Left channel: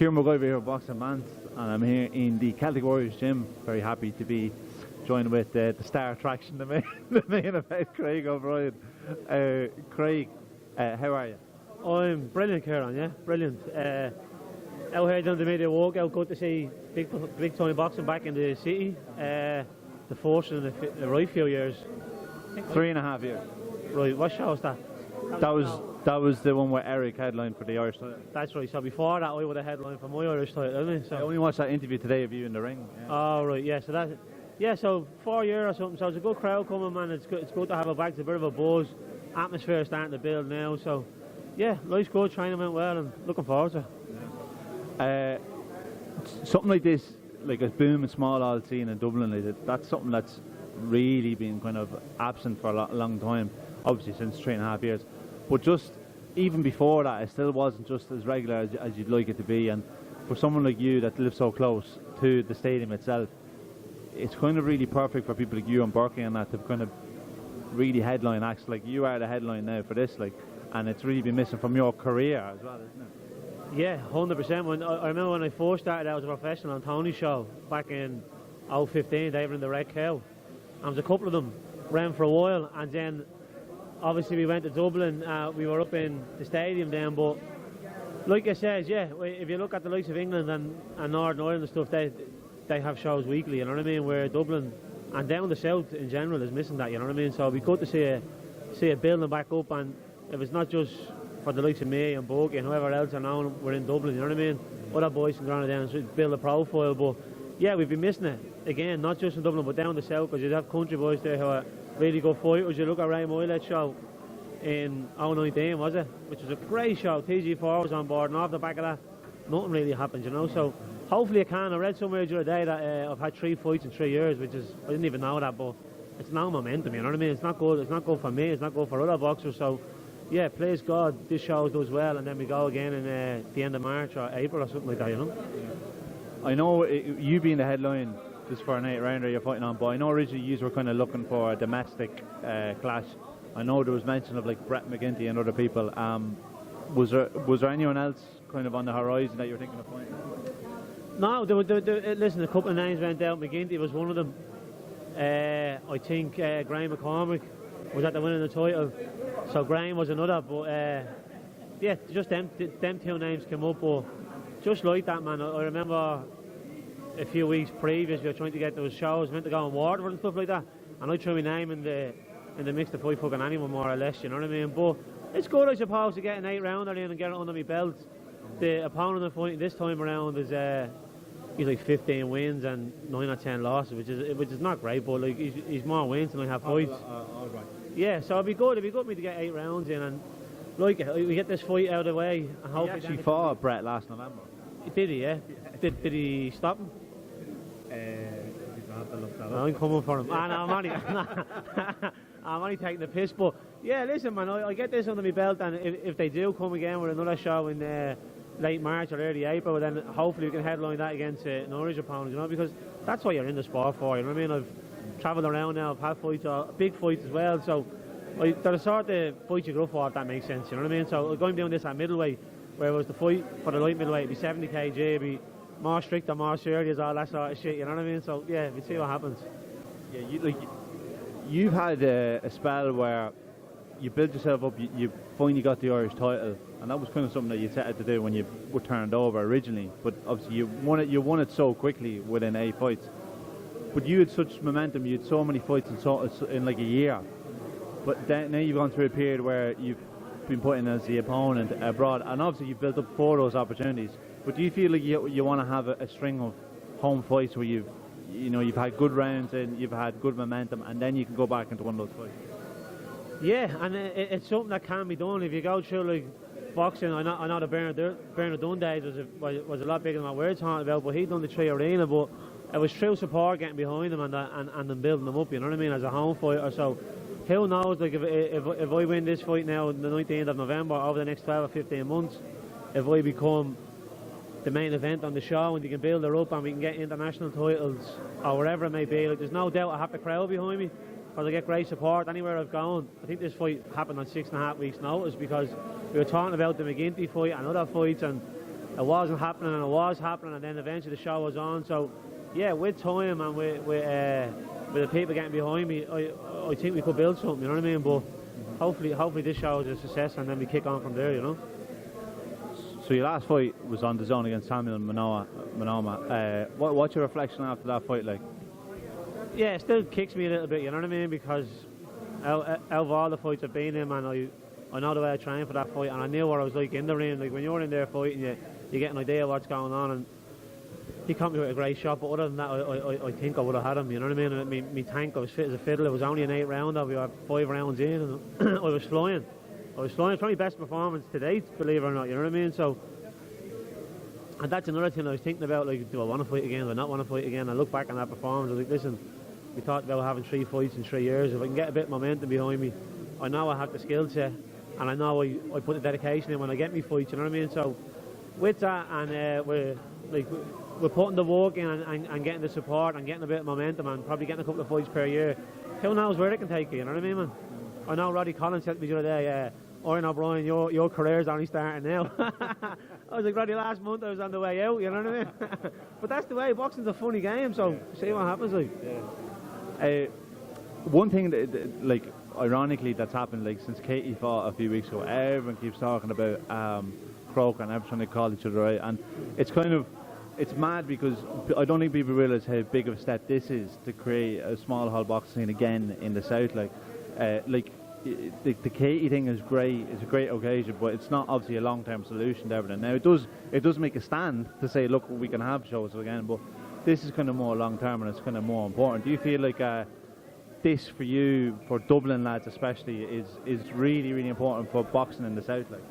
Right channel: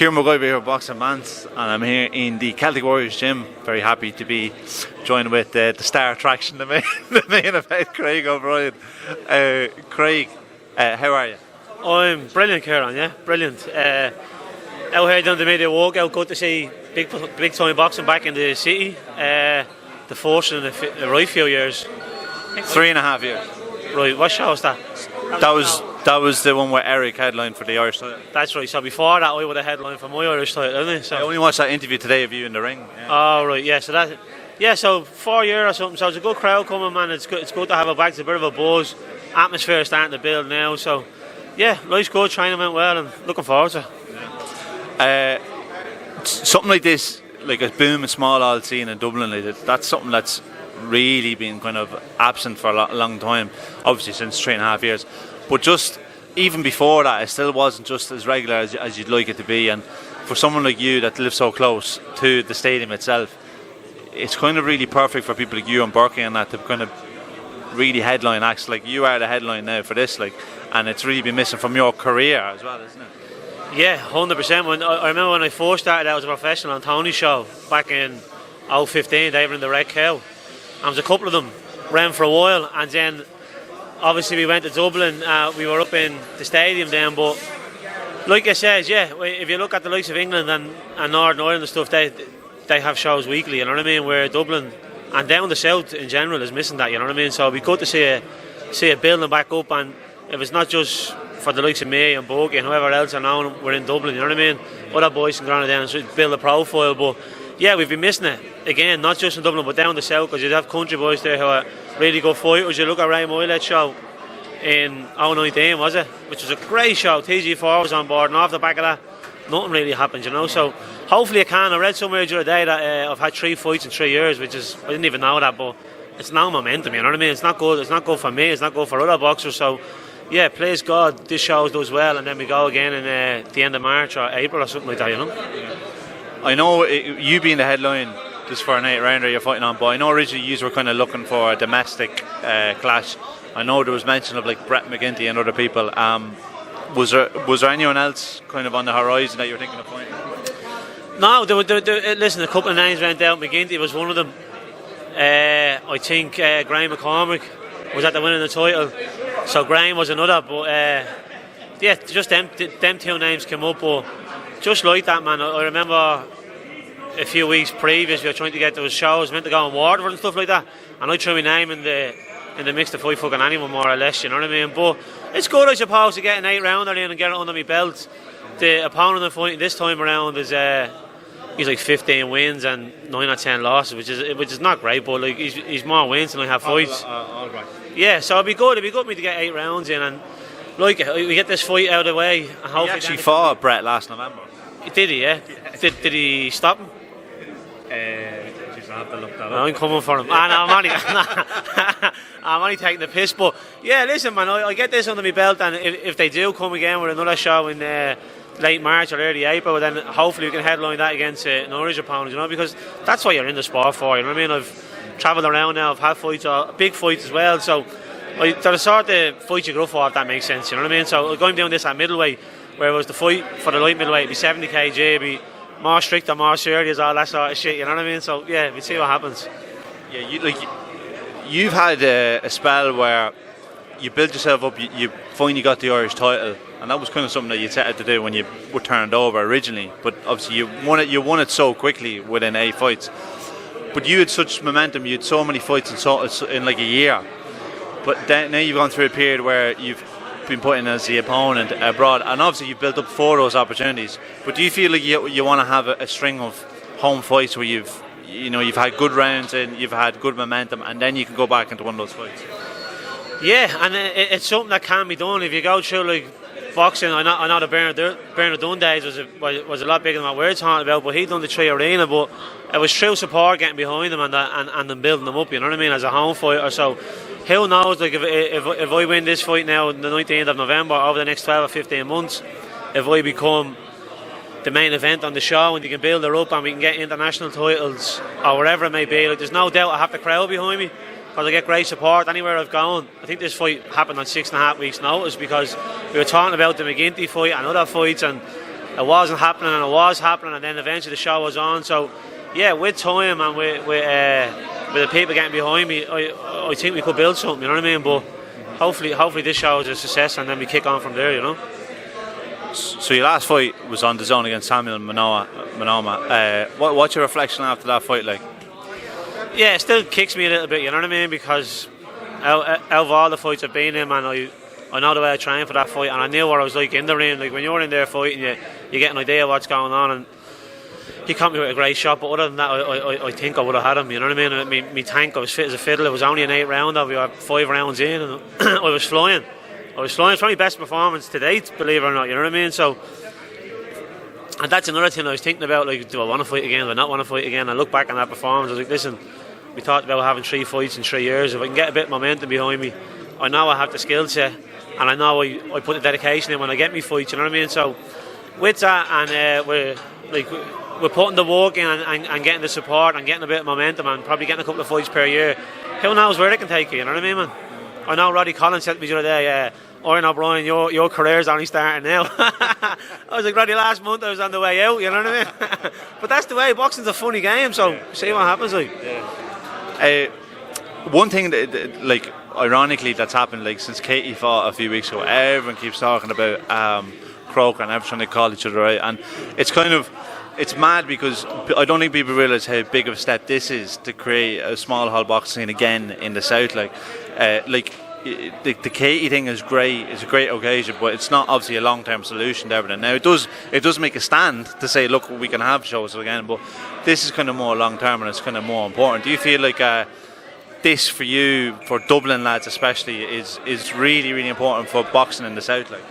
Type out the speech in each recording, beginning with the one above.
Kieran McGuire here, Boxing Bants, and I'm here in the Celtic Warriors gym. Very happy to be joined with the star attraction, the main event, Craig O'Brien. Craig, how are you? I'm brilliant, Kieran, yeah, brilliant. Out here doing the media walkout, good to see big time boxing back in the city. The first in the right few years. 3.5 years. Right, what show was that? That was the one where Eric headlined for the Irish title. That's right, so before that I would have headlined for my Irish title, didn't I? So. I only watched that interview today of you in the ring. Yeah. Oh right, yeah, so 4 years or something, so it's a good crowd coming, man. It's good to have it back. It's a bit of a buzz. Atmosphere is starting to build now, so yeah, life's good, training went well and looking forward to it. Something like this, like a boom and small all scene in Dublin, like that's something that's really been kind of absent for a long time, obviously since 3.5 years. But just even before that, it still wasn't just as regular as you'd like it to be. And for someone like you that lives so close to the stadium itself, it's kind of really perfect for people like you and Berkey and that to kind of really headline acts. Like you are the headline now for this, like, and it's really been missing from your career as well, isn't it? Yeah, 100%. I remember when I first started out as a professional on Tony's show back in 2015, they were in the Red Cow. And there was a couple of them ran for a while, and then obviously we went to Dublin. We were up in the stadium then, but like I said, yeah, if you look at the likes of England and Northern Ireland and stuff, they have shows weekly, you know what I mean, where Dublin and down the south in general is missing that, you know what I mean. So it'd be good to see it building back up, and if it's not just for the likes of me and Bogey and whoever else are now we're in Dublin, you know what I mean, other boys can go on down and build a profile. But yeah, we've been missing it again, not just in Dublin but down the south, because you'd have country boys there who are really good fighters. You look at Ray Moylet's show in 2019, was it, which was a great show. TG4 was on board, and off the back of that nothing really happened, you know. So hopefully it can. I read somewhere the other day that I've had 3 fights in 3 years, which is, I didn't even know that, but it's now momentum, you know what I mean. It's not good for me, it's not good for other boxers. So yeah, please God this show does well, and then we go again in the end of March or April or something like that, you know. I know you being the headline just for an 8-rounder you're fighting on, but I know originally you were kind of looking for a domestic clash. I know there was mention of like Brett McGinty and other people. Was there anyone else kind of on the horizon that you were thinking of fighting? No, listen, a couple of names went out. McGinty was one of them. I think Graham McCormack was at the winning the title, so Graham was another. But yeah, just them 2 names came up. But just like that, man, I remember a few weeks previous we were trying to get those shows, meant to go on Waterford and stuff like that, and I threw my name in the mix to fight fucking anyone more or less, you know what I mean. But it's good, I suppose, to get an 8-rounder in and get it under my belt. The opponent I'm fighting this time around is he's like 15 wins and 9 or 10 losses, which is not great, but like he's more wins than I have fights. All right. Yeah, so it'd be good for me to get 8 rounds in, and like we get this fight out of the way. And hopefully he actually fought Brett last November. Did he? Yeah. Did he stop him? I have to look that up. I'm coming for him. I'm only taking the piss, but yeah, listen, man, I get this under my belt, and if they do come again with another show in late March or early April, then hopefully we can headline that against an Irish opponent, you know, because that's what you're in the sport for, you know what I mean. I've travelled around now, I've had fights, big fights as well, so they're the sort of fights you go for, if that makes sense, you know what I mean. So going down this at middleweight, where it was the fight for the light middleweight, it'd be 70 kg, it'd be more strict and more serious, all that sort of shit, you know what I mean. So yeah, we'll see what happens. Yeah, you've had a spell where you built yourself up, you finally got the Irish title, and that was kind of something that you set out to do when you were turned over originally, but obviously you won it so quickly within 8 fights. But you had such momentum, you had so many fights in like a year, but then now you've gone through a period where you've been put in as the opponent abroad, and obviously you've built up 4 of those opportunities. But do you feel like you want to have a string of home fights where you've had good rounds and you've had good momentum, and then you can go back into one of those fights? Yeah, and it's something that can be done if you go through like boxing. I know the Bernard Dunn days was a lot bigger than what we're talking about, but he done the 3 arena, but it was true support getting behind them and then building them up, you know what I mean, as a home fighter. So who knows, like if I win this fight now on the 19th of November, over the next 12 or 15 months, if I become the main event on the show and you can build it up and we can get international titles or whatever it may be, like there's no doubt I have the crowd behind me, because I get great support anywhere I've gone. I think this fight happened on 6.5 weeks notice, because we were talking about the McGinty fight and other fights, and it wasn't happening and it was happening, and then eventually the show was on. So yeah, with time and with the people getting behind me, I think we could build something, you know what I mean? But hopefully this show is a success, and then we kick on from there, you know. So your last fight was on DAZN against Samuel Manoma. What's your reflection after that fight like? Yeah, it still kicks me a little bit, you know what I mean? Because out of all the fights I've been in, man, I know the way I trained for that fight, and I knew what I was like in the ring. Like when you're in there fighting, you get an idea of what's going on, and he caught me with a great shot. But other than that, I think I would have had him, you know what I mean? Me tank, I was fit as a fiddle. It was only an 8 rounder. We were 5 rounds in, and I was flying. It's probably my best performance to date, believe it or not, you know what I mean? So, and that's another thing I was thinking about, like, do I want to fight again, do I not want to fight again? I look back on that performance, I was like, listen, we talked about having 3 fights in 3 years. If I can get a bit of momentum behind me, I know I have the skill set, and I know I put the dedication in when I get me fights, you know what I mean? So, with that, and we're putting the work in and getting the support and getting a bit of momentum and probably getting a couple of fights per year, who knows where they can take you, you know what I mean, man? I know Roddy Collins said to me the other day, Obrien, your career's only starting now. I was like, Roddy, last month I was on the way out, you know what I mean? But that's the way, boxing's a funny game, so see what happens, like. Yeah. One thing that, like, ironically, that's happened, like, since Katie fought a few weeks ago, everyone keeps talking about Croker and everyone they call each other out, and it's mad because I don't think people realise how big of a step this is to create a small hall boxing scene again in the south. The Katie thing is great. It's a great occasion, but it's not obviously a long-term solution to everything. Now it does make a stand to say, look, we can have shows again, but this is kind of more long-term and it's kind of more important. Do you feel like this for you, for Dublin lads especially, is really, really important for boxing in the south? Like?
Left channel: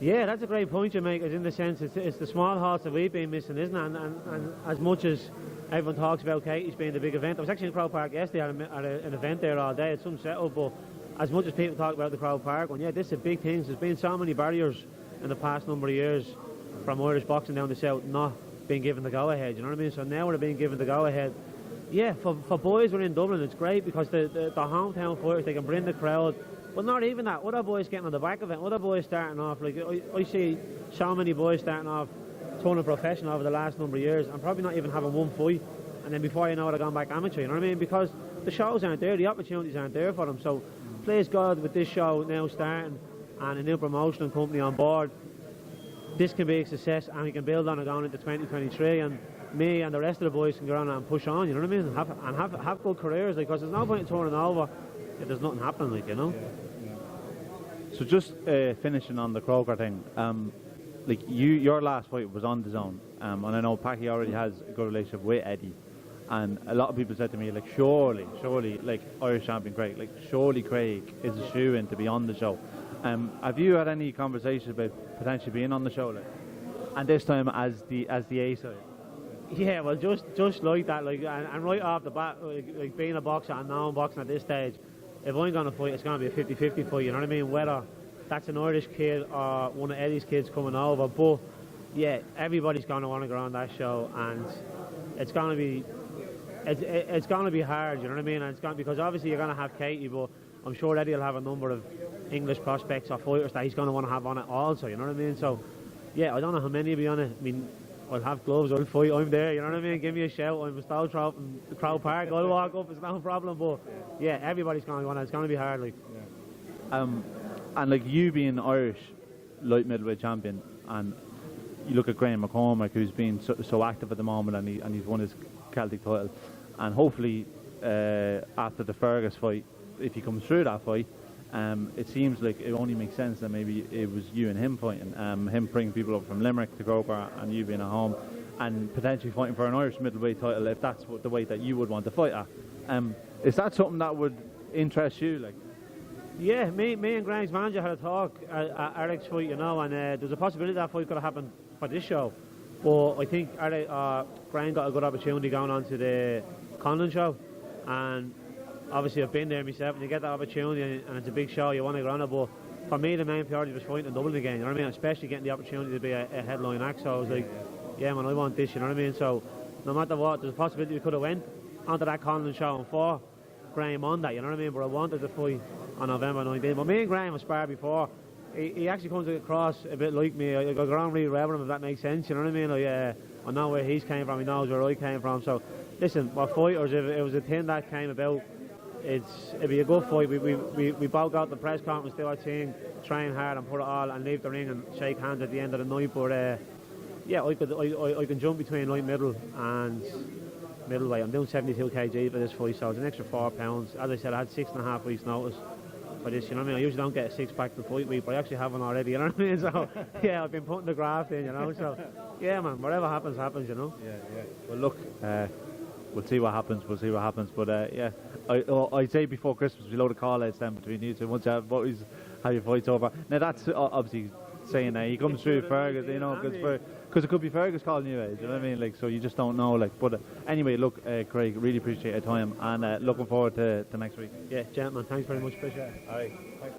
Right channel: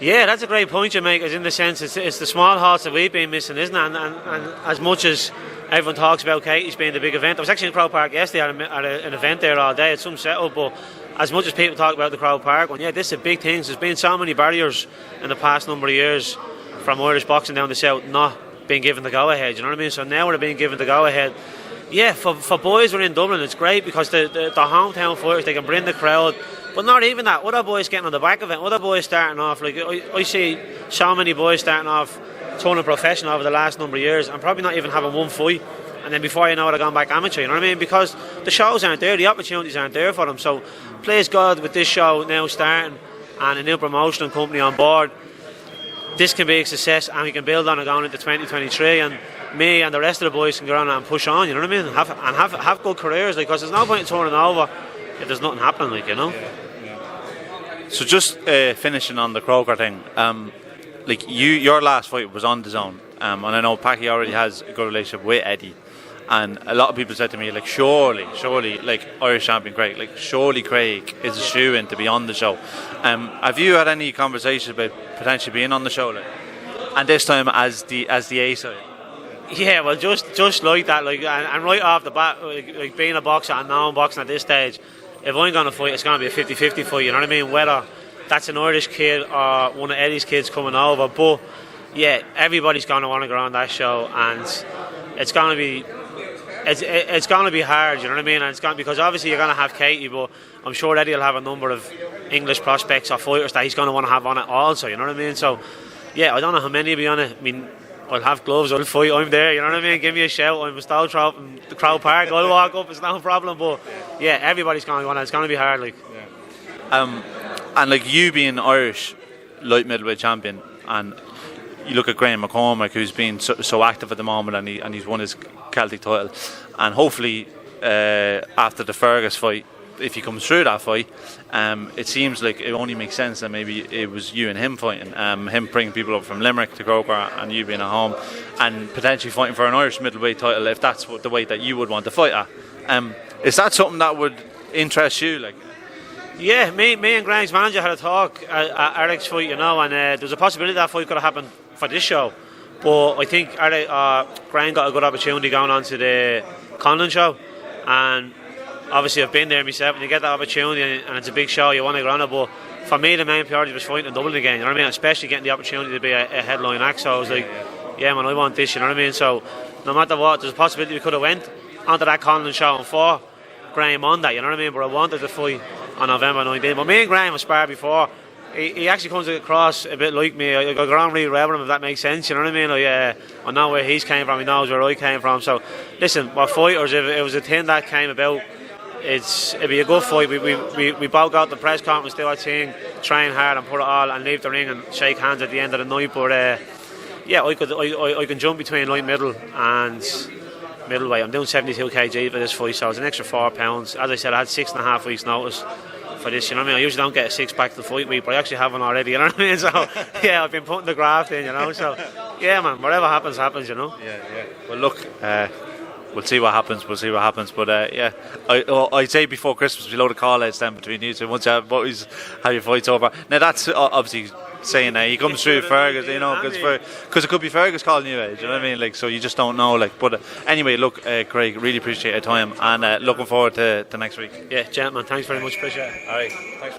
Yeah, that's a great point you make. As in the sense, it's the small halls that we've been missing, isn't it? And as much as everyone talks about Katie's being the big event, I was actually in Crow Park yesterday at an event there all day. It's some setup, but as much as people talk about the Crow Park one, yeah, this is a big thing. There's been so many barriers in the past number of years from Irish boxing down the south not being given the go-ahead, you know what I mean? So now we're being given the go-ahead. Yeah, for boys who are in Dublin, it's great because the hometown fighters, they can bring the crowd. But not even that, other boys getting on the back of it, other boys starting off, like I see so many boys starting off turning professional over the last number of years and probably not even having one fight, and then before you know it, they're gone back amateur, you know what I mean? Because the shows aren't there, the opportunities aren't there for them. So please God, with this show now starting and a new promotional company on board, this can be a success and we can build on it going into 2023, and me and the rest of the boys can go on and push on, you know what I mean? Have good careers, like, because there's no point in turning over if there's nothing happening, like, you know? So just finishing on the Croker thing, like your last fight was on DAZN, and I know Packy already has a good relationship with Eddie, and a lot of people said to me, like, surely, like, Irish champion Craig, like, surely Craig is a shoe-in to be on the show. Have you had any conversations about potentially being on the show, like, and this time as the A side? Yeah, well, just like that, like, and right off the bat, like being a boxer and non-boxing at this stage, if I'm going to fight, it's going to be a 50-50 fight, you know what I mean? Whether that's an Irish kid or one of Eddie's kids coming over, but yeah, everybody's going to want to go on that show, and it's going to be hard, you know what I mean? And it's going because obviously you're going to have Katie, but I'm sure Eddie will have a number of English prospects or fighters that he's going to want to have on it also, you know what I mean? So yeah, I don't know how many will be on it. I mean, I'll have gloves, I'll fight, I'm there, you know what I mean? Give me a shout, I'm a stall trap in the Crow Park, I'll walk up, it's no problem, but yeah, everybody's going to go on it, it's going to be hard, like. Yeah. And like you being Irish light middleweight champion, and you look at Graham McCormack, who's been so active at the moment, and he's won his Celtic title, and hopefully after the Fergus fight, if he comes through that fight, it seems like it only makes sense that maybe it was you and him fighting, him bringing people up from Limerick to Croker and you being at home and potentially fighting for an Irish middleweight title if that's the weight that you would want to fight at. Is that something that would interest you? Like? Yeah, me and Graham's manager had a talk at Eric's fight, you know, and there's a possibility that fight could have happened for this show, but I think Graham got a good opportunity going on to the Conlon show, and obviously I've been there myself, and you get that opportunity and it's a big show, you want to go on it, but for me the main priority was fighting in Dublin again, you know what I mean, especially getting the opportunity to be a headline act, so I was like, yeah man, I want this, you know what I mean, so no matter what, there's a possibility we could have went onto that Conlon show and fought Graham on that, you know what I mean, but I wanted to fight on November 19th, but me and Graham have sparred before, he actually comes across a bit like me. I got on really well with him, if that makes sense. You know what I mean? I know where he's came from. He knows where I came from. So, listen, we're fighters. If it was a thing that came about, it'd be a good fight. We both got the press conference, do our thing, train hard and put it all, and leave the ring and shake hands at the end of the night. But I can jump between light middle and middleweight. I'm doing 72 kg for this fight, so it's an extra £4. As I said, I had 6.5 weeks notice for this, you know what I mean? I usually don't get a six-pack to the fight week, but I actually have one already, you know what I mean? So, yeah, I've been putting the graft in, you know, so, yeah, man, whatever happens, you know? Yeah. Well, look, we'll see what happens, but, I'd say before Christmas, we'll load of call-outs then between you two, once you have your fights over. Now, that's obviously saying he comes through Fergus, you know, because it could be Fergus calling you out, you know what I mean? Like, so you just don't know, like, but anyway, look, Craig, really appreciate your time, and looking forward to next week. Yeah, gentlemen, thanks very much, appreciate it. All right, thanks.